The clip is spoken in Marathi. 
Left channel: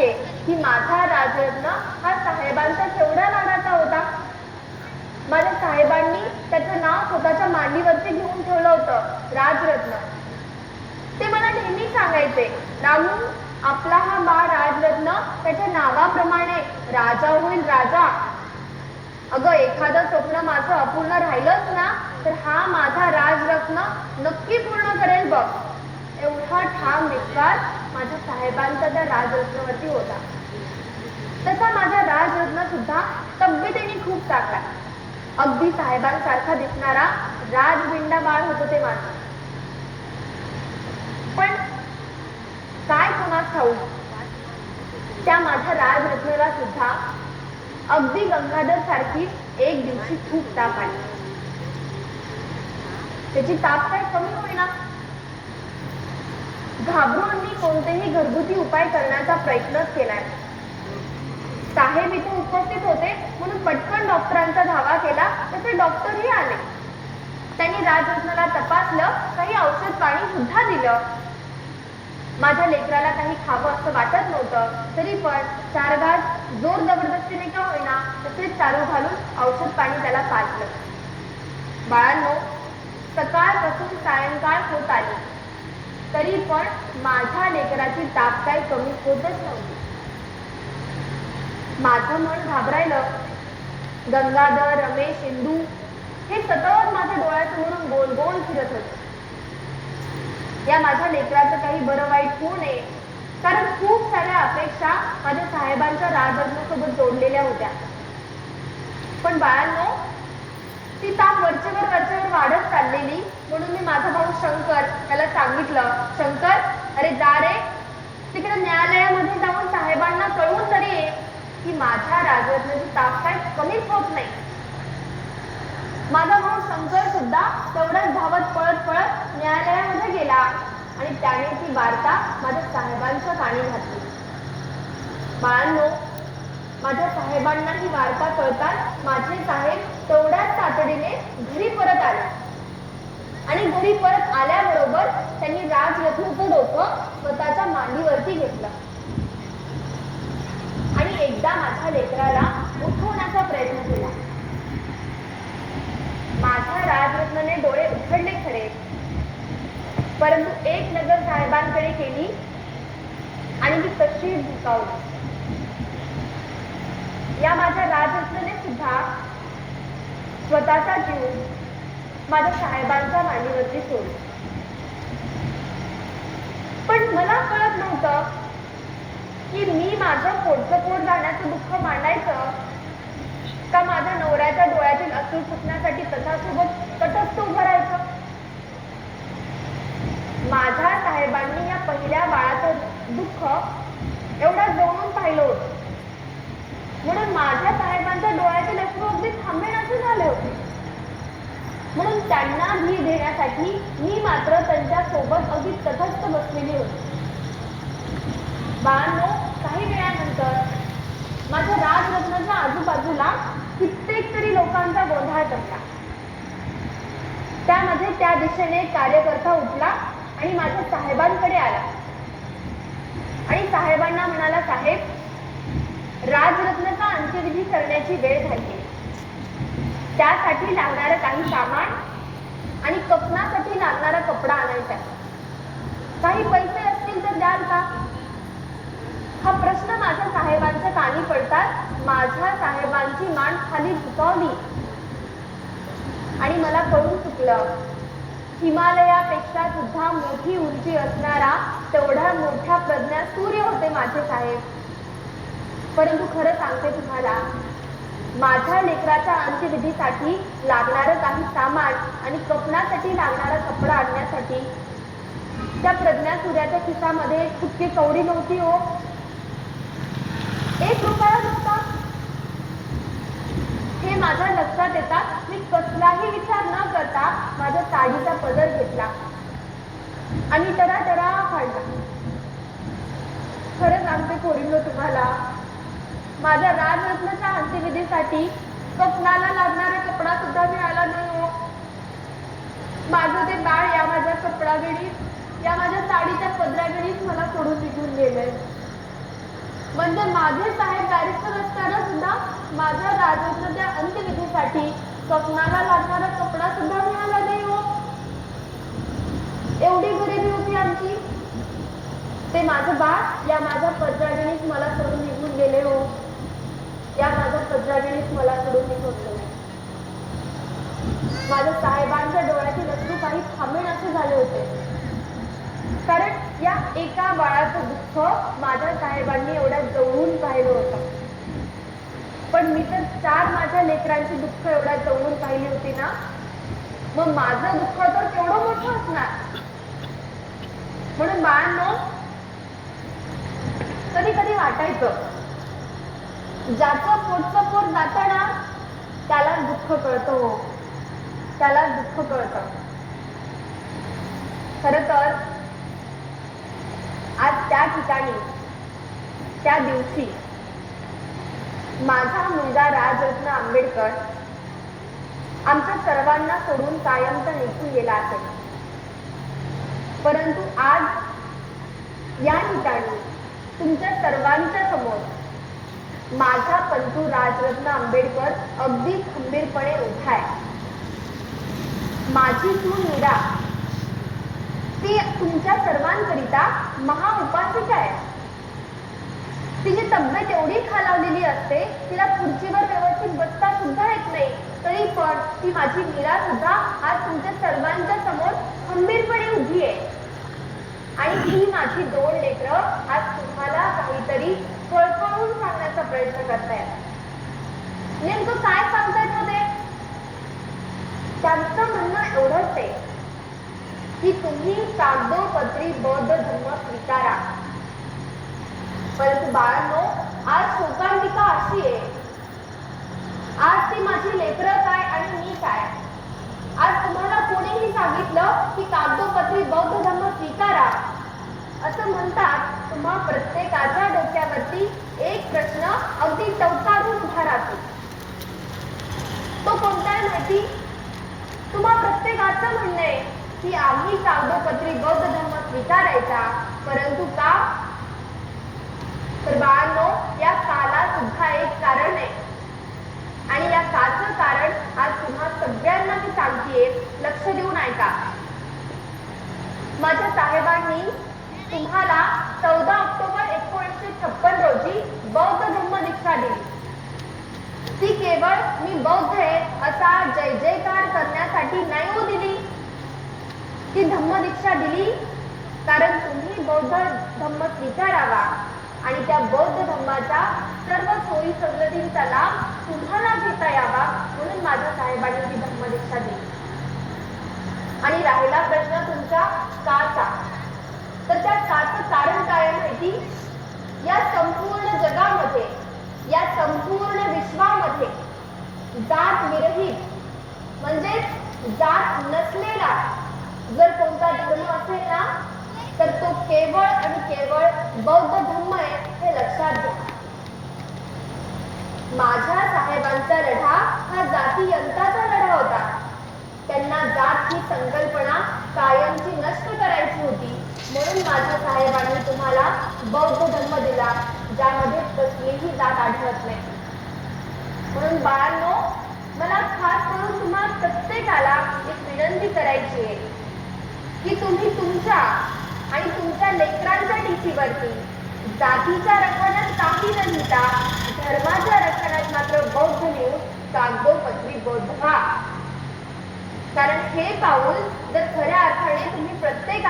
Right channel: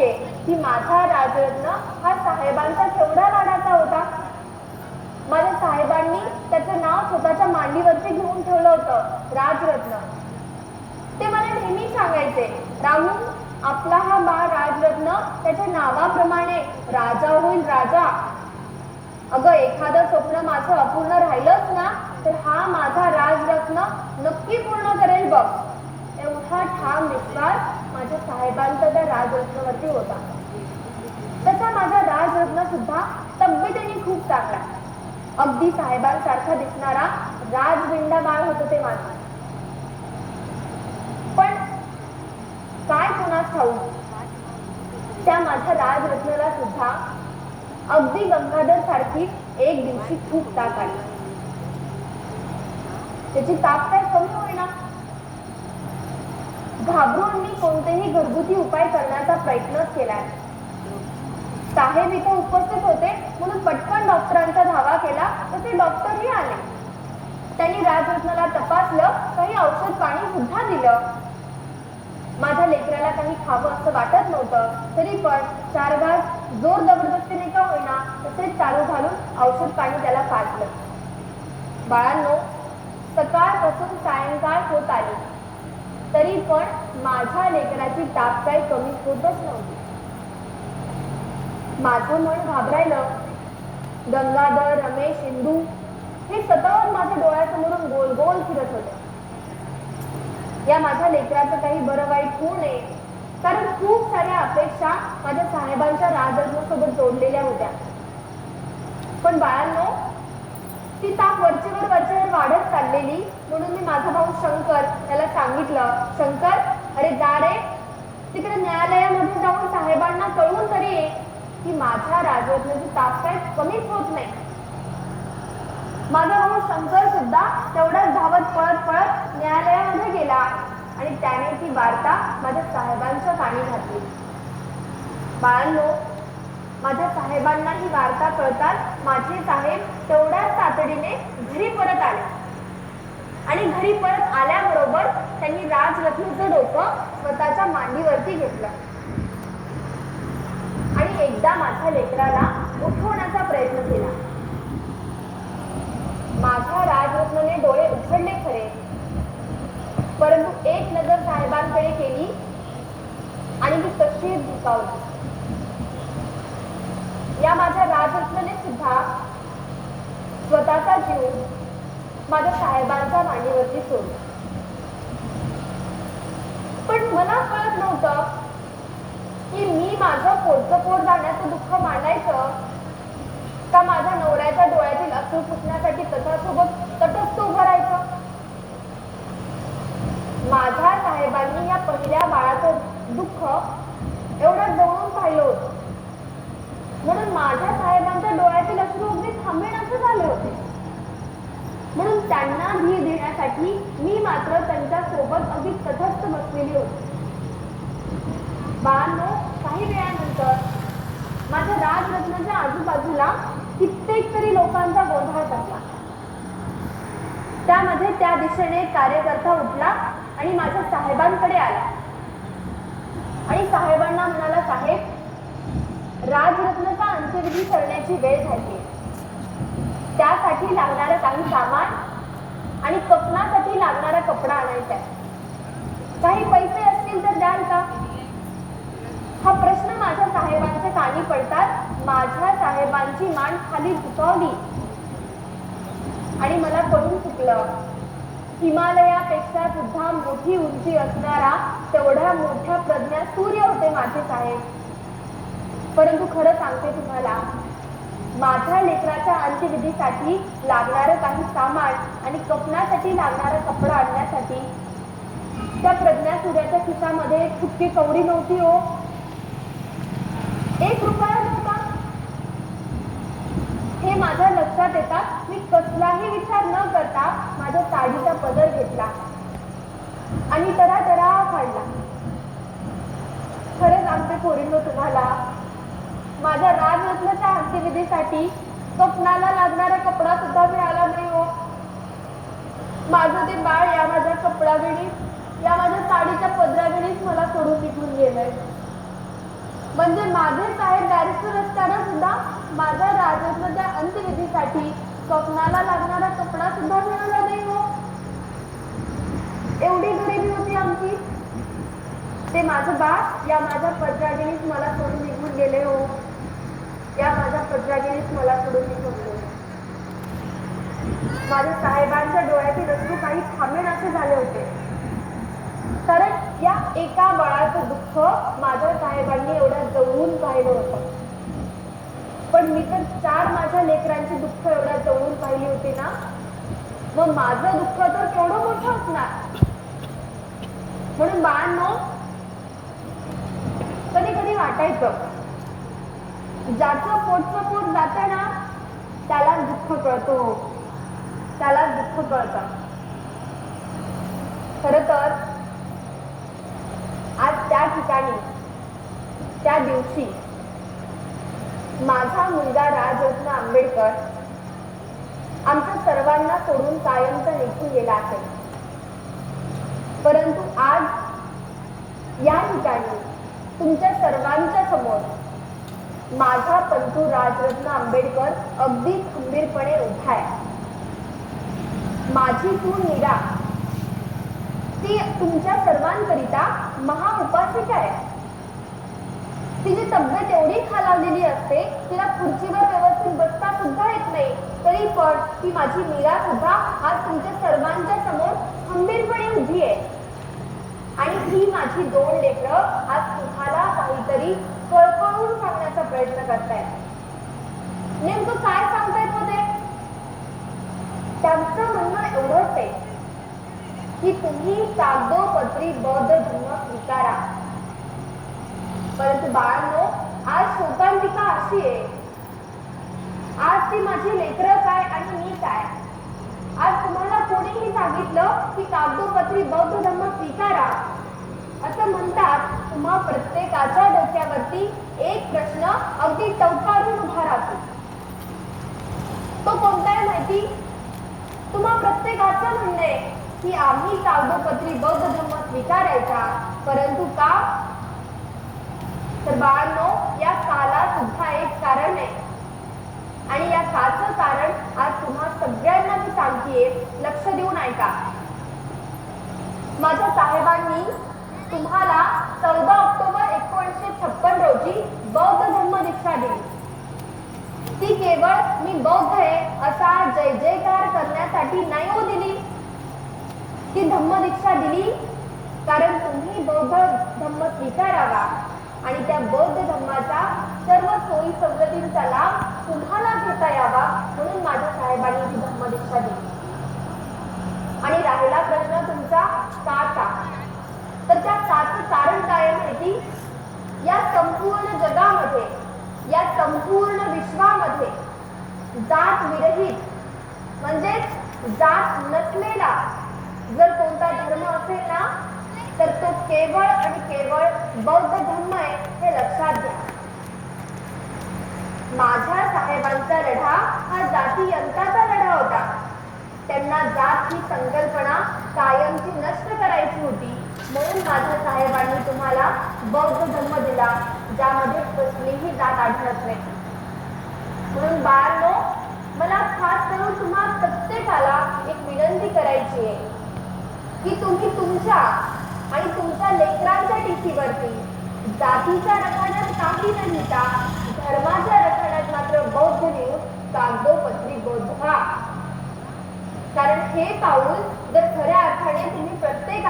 शक्य की माझा राजरत्न हा साहेबांचा केवढा लाडाचा होता? माझ्या साहेबांनी त्याचं नाव स्वतःच्या मांडीवरती घेऊन ठेवलं होतं राजरत्न. ते मला नेहमी सांगायचे रामू आपला हा बाळ राजरत्न त्याच्या नावाप्रमाणे राजा होईल राजा. अगं एखादं स्वप्न माझं अपूर्ण राहिलंच ना तर हा माझा राजरत्न नक्की पूर्ण करेल बघ. एवढा ठाम विश्वास माझ्या साहेबांचा त्या राजरत्नवरती होता. तसा माझा राजरत्न सुद्धा तब्येतीने खूप चांगला अगदी साहेबांसारखा दिसणारा राजविंडा बाळ होत ते माझं. पण काय कोणास खाऊ त्या माझ्या राजरत्नाला सुद्धा अगदी गंगाधर सारखी एक दिवशी खूप ताप आली. त्याची ताप काय कमी होईना? घाबरून मी कोणतेही घरगुती उपाय करण्याचा प्रयत्न केलाय. साहेब इथे उपस्थित होते म्हणून पटकन डॉक्टरांचा धावा केला तसे डॉक्टरही आले. त्यांनी राजरत्नाला तपासलं काही औषध पाणी सुद्धा दिलं. माझ्या लेकराला काही खावं असं वाटत नव्हतं तरी पण चार घास जोर जबरदस्तीने का होईना तसेच चालू घालून औषध पाणी त्याला पाजलं. बाळांनो सकाळपासून सायंकाळ होत आली. पण माझ्या लेकराची ताप काही कमी होतच नव्हती. माझं मन घाबरायलं. गंगाधर रमेश इंदू हे सतत माझ्या डोळ्यासमोरून गोल गोल फिरत होते. या माझ्या लेकराचं काही बरं वाईट होऊ नये कारण खूप साऱ्या अपेक्षा माझ्या साहेबांच्या राजरत्नासोबत जोडलेल्या होत्या. पण बाळांनो ती ताप वरचेवर वरचेवर वाढत चाललेली म्हणून मी माझा भाऊ शंकर त्याला सांगितलं शंकर अरे जा रे. तिकडे न्यायालयामध्ये जाऊन साहेबांना कळवून तरी ये की माझ्या राजरत्नाची ताप काय कमीच होत नाही. माझा भाऊ शंकर सुद्धा तेवढाच धावत पळत पळत न्यायालयामध्ये गेला आणि त्याने ती वार्ता माझ्या साहेबांच्या कानी घातली. बाळांनो माझ्या साहेबांना ही वार्ता कळताच माझे साहेब तेवढ्याच तातडीने घरी परत आले. आणि घरी परत आल्याबरोबर त्यांनी राजरत्नचं डोकं स्वतःच्या मांडीवरती घेतलं. आणि एकदा माझ्या लेकराला उठवण्याचा प्रयत्न केला. माझ्या राजरत्नने डोळे उघडले खरे. परंतु एक नजर साहेबांकडे केली आणि ती तशीच झुकावली. या माझ्या राजरत्नने सुद्धा स्वतःचा जीव माझ्या साहेबांच्या मांडीवरती सोडला. पण मला कळत नव्हतं की मी माझं पोटचं पोट जाण्याचं दुःख मांडायचं का माझ्या नवऱ्याच्या डोळ्यातील असूर पुसण्यासाठी त्याच्यासोबत तटस्थ उभं राहायचं? माझ्या साहेबांनी या पहिल्या बाळाचं दुःख एवढं जवळून पाहिलं होतं. म्हणून माझ्या साहेबांच्या डोळ्यातील अश्रू अगदी थांबेनासे झाले होते. म्हणून त्यांना धीर देण्यासाठी मी मात्र त्यांच्यासोबत अगदी तटस्थ बसलेली होती. बाळांनो काही वेळानंतर माझ्या राजरत्नाच्या आजूबाजूला कित्येक तरी लोकांचा गोंधळ पडला. त्यामध्ये त्या दिशेने कार्यकर्ता उठला आणि माझ्या साहेबांकडे आला. आणि साहेबांना म्हणाला साहेब राजरत्नाचा अंत्यविधी करण्याची वेळ झाली त्यासाठी लागणारं काही सामान आणि कपनासाठी लागणारा कपडा आणायचा आहे. काही पैसे असतील तर द्याल का? हा प्रश्न माझ्या साहेबांच्या कानी पडतात. माझ्या साहेबांची मान खाली झुकावली. आणि मला कळून चुकलं. हिमालयापेक्षा सुद्धा मोठी उंची असणारा तेवढ्या मोठ्या प्रज्ञा सूर्य होते माझे साहेब. परंतु खरं सांगते तुम्हाला माझ्या लेकराच्या अंत्यविधीसाठी लागणारं काही सामान आणि कपनासाठी लागणारा कपडा आणण्यासाठी. त्या प्रज्ञा सूर्याच्या खिसामध्ये एक कवडी नव्हती हो. एक रुपया नव्हता. हे माझ्या लक्षात येतात मी कसलाही विचार न करता माझ्या साडीचा पदर घेतला आणि तरा तरा काढला. खरंच आमचे पोरींनो तुम्हाला माझ्या राजरत्नाच्या अंत्यविधीसाठी स्वप्नाला लागणारा कपडा सुद्धा मिळाला नाही हो. माझं ते बाळ या माझ्या कपडावेळी या माझ्या साडीच्या पदरावेळीच मला सोडून निघून गेलंय. म्हणजे माझे साहेब बॅरिस्टर असताना सुद्धा माझ्या राजरत्नाच्या अंत्यविधीसाठी स्वप्नाला लागणारा कपडा सुद्धा मिळाला नाही हो. एवढी गरिबी होती आमची. ते माझं बाळ या माझ्या पत्राजनीच मला सोडून निघून गेले हो. या माझ्या पत्राजनीच मला सोडून निघून माझ्या साहेबांच्या डोळ्याचे रस्ते काही थांबेन असे झाले होते. कारण या एका बाळाचं दुःख माझ्या साहेबांनी एवढ्या जवळून पाहिलं होतं. पण मी तर चार माझ्या लेकरांची दुःख एवढ्या जवळून पाहिली होती ना? मग माझं दुःख तर केवढं मोठं असणार? म्हणून बाळांनो कधी कधी वाटायचं ज्याचं पोटचं पोट जातं ना त्याला दुःख कळतो त्याला दुःख कळतं. हो. खर तर आज त्या ठिकाणी त्या दिवशी माझा मुलगा राजरत्न आंबेडकर आमच्या सर्वांना सोडून कायमचा निघून गेला असेल. परंतु आज या ठिकाणी तुमच्या सर्वांच्या समोर माझा पंतू राजरत्न आंबेडकर अगदी खंबीरपणे उभा आहे माझी तू मीरा ती तुमच्या सर्वांकरिता महाउपासिका आहे. तिची तब्येत एवढी खालावलेली असते तिला खुर्चीवर व्यवस्थित बसता सुद्धा येत नाही तरी पण ती माझी मीरा सुद्धा आज तुमच्या सर्वांच्या समोर खंबीरपणे उभी आहे. आणि ही माझी दोन लेकरं आज तुम्हाला काहीतरी फळफळून सांगण्याचा प्रयत्न करतायत. नेमकं काय सांगतायत ते? त्यांचं म्हणणं एवढंच आहे की तुम्ही कागदोपत्री बौद्ध धर्म स्वीकारा. परंतु बाळांनो आज शोकांतिका अशी आहे. आज ती माझी लेकरं काय आणि मी काय? आज तुम्हाला कोणीही सांगितलं की कागदोपत्री बौद्ध धर्म तुम्हा प्रत्येकाच्या डोक्यावरती एक प्रश्न अगदी टवकारून उभा राहतो. तो कोणता आहे माहिती? तुम्हा प्रत्येकाचं म्हणणं आहे की आम्ही कागदोपत्री बौद्ध धर्म स्वीकारायचा परंतु का? तर बाळांनो या काला सुद्धा एक कारण आहे. आणि या काचं कारण आज तुम्हा सगळ्यांना मी सांगतेय लक्ष देऊन ऐका माझ्या साहेबांनी तुम्हाला चौदा ऑक्टोबर एकोणीसशे छप्पन रोजी बौद्ध धम्म दीक्षा दिली ती केवळ मी बौद्ध आहे असा जय जयकार करण्यासाठी नाही हो दिली. ती धम्म दीक्षा दिली कारण तुम्ही बौद्ध धम्म स्वीकारावा आणि त्या बौद्ध धम्माचा सर्व सोयी सवलतींचा लाभ तुम्हाला घेता यावा म्हणून माझ्या साहेबांनी ती धम्म दीक्षा दिली. आणि राहिला प्रश्न तुमचा काचा तर त्या काचं कारण काय आहे माहिती या संपूर्ण जगामध्ये या संपूर्ण विश्वामध्ये जात विरहित म्हणजेच जात नसलेला जर कोणता धर्म असेल ना तर तो केवळ आणि केवळ बौद्ध धर्म आहे हे लक्षात घ्या. माझ्या साहेबांचा लढा हा जाती यंत्राचा लढा होता त्यांना जात ही संकल्पना कायमची नष्ट करायची होती म्हणून माझ्या साहेबांनी तुम्हाला बौद्ध धर्म दिला ज्यामध्ये कसलीही जात आढळत नाही. म्हणून बाळांनो मला खास करून तुम्हा प्रत्येकाला एक विनंती करायची आहे की तुम्ही तुमच्या आणि तुमच्या लेकरांच्या टीसीवरती जातीच्या रखाण्यात काही न लिहिता धर्माच्या रखाण्यात मात्र बौद्ध लिहून कागदोपत्री बौद्ध व्हा. कारण हे पाऊल जर खऱ्या अर्थाने तुम्ही प्रत्येकाला